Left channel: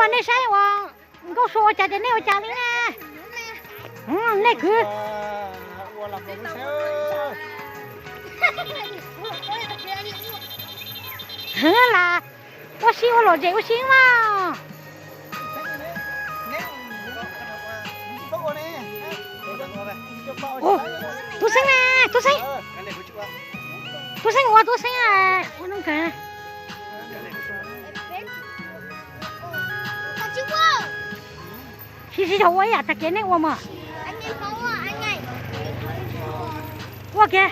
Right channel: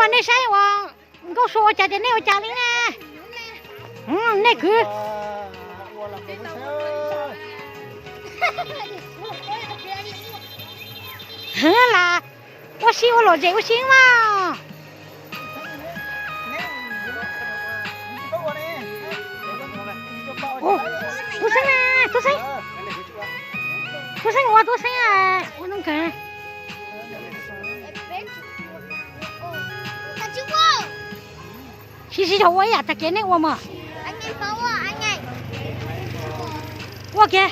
วันนี้ใช่ว่าก็โซ่จะจะเนี่ยจานี่นะนี่คือเฮ้ยล่ะว่าชิวหล่อใจว่าชิวมาโอ้ตัวสังอ่ะตัวสังว่าตัวสังอ่ะว่าน้องกัน其实我呀，他给那我嘛。我给。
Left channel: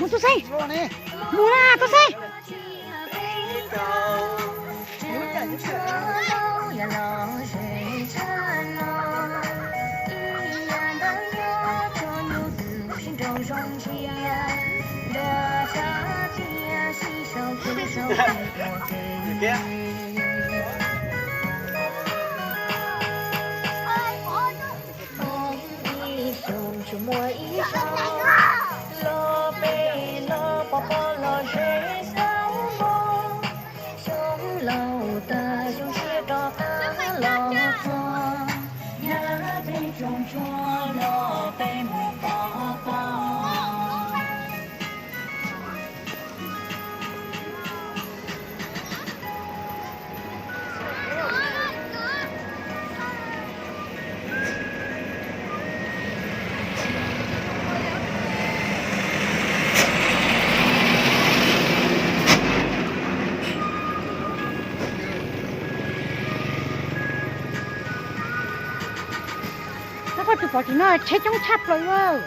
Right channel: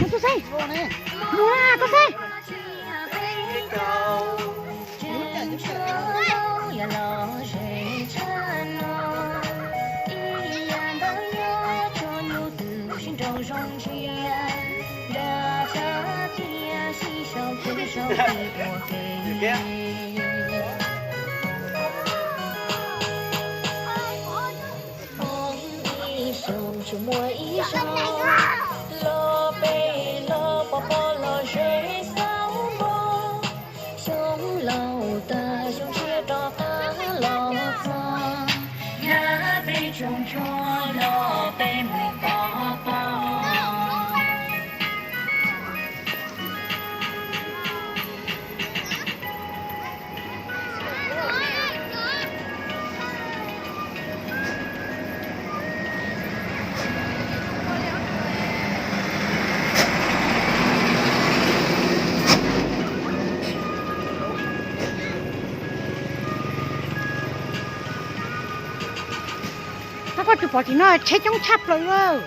Mua tôi xây, mua là tôi xây. Nó có chụp bỏ thì nó chết chống chắp rồi cơ.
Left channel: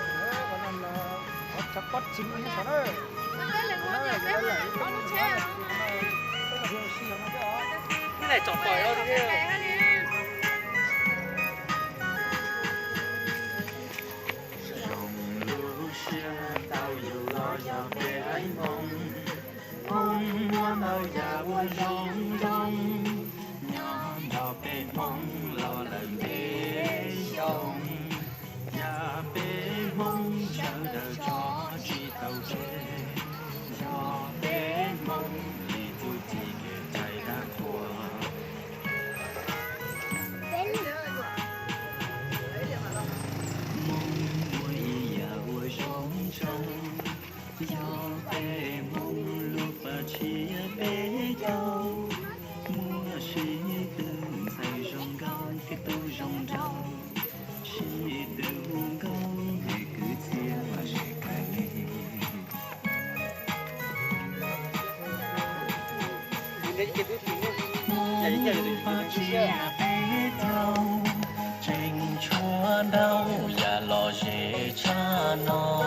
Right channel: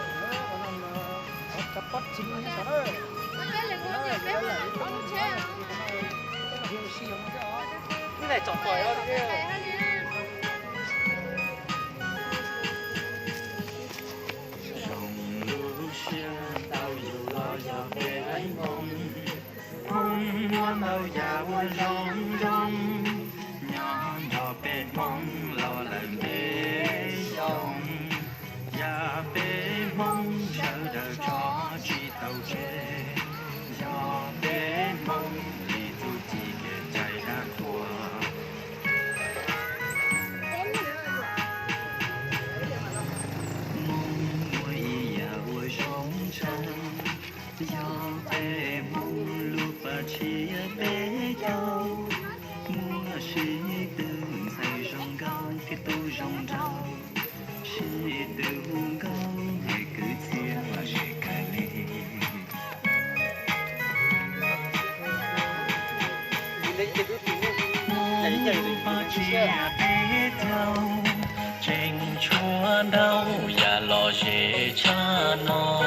Trình chúa đâu ya lo dễ cha nó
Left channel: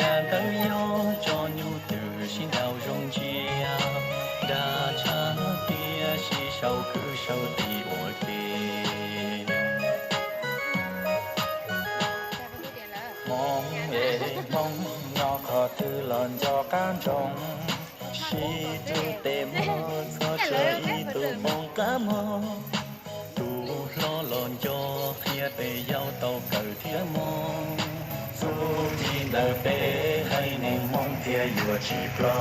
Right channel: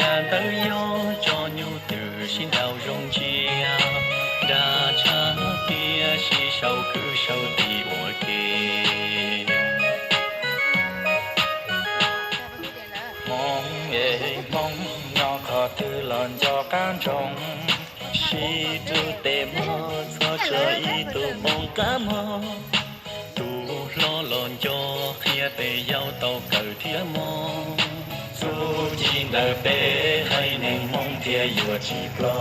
ya đâu yo cho nhu từ xin đào rong chia đã cha kia si sâu cứ sâu đi ở kia mong mong nó khó tư lần cho can trồng si tư tê mơ cho chơi tu mong cá mơ lo lòn cho kia tề giao tàu cờ thía mong dù chỉ đời bé hay nên mong thía vừa chỉ lo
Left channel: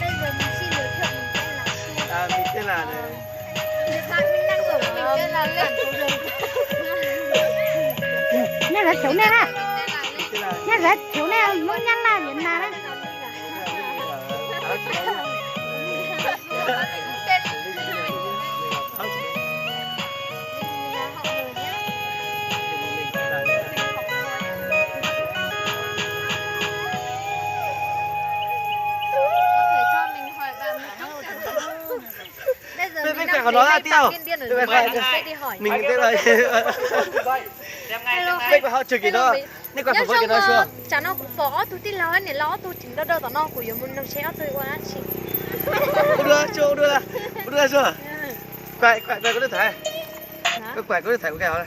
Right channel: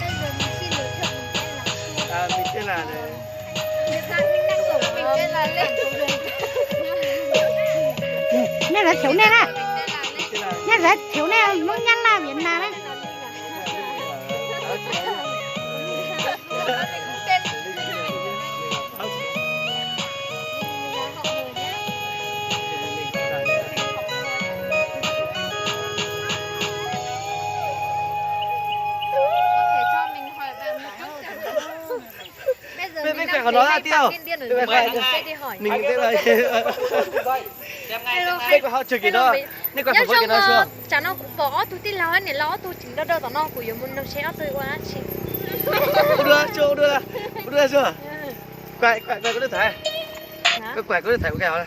Bây giờ mình xin giới thiệu mình tên là Xuân. Mình tên là này. Hiện tại mình đang ở mình tên là Lê Thủ Đường. Nè là thiếu nè nè. Nè là thiếu nè nó nhăn là Việt Nam đấy. của nó ra tiêu. Điên Đưa về khoai. sẽ đi hỏi. Mình biết rồi. Biết của họ chừng gì đó. Nên còn phải với cái đó chưa? Chả nó cũng bỏ tôi tin lo này lo tôi chính đâu tao nó của yêu muốn nó sẽ tôi quá chị. Đưa chưa? Đưa chưa? Quậy có được thấy. Quậy có được thấy cái nào đây?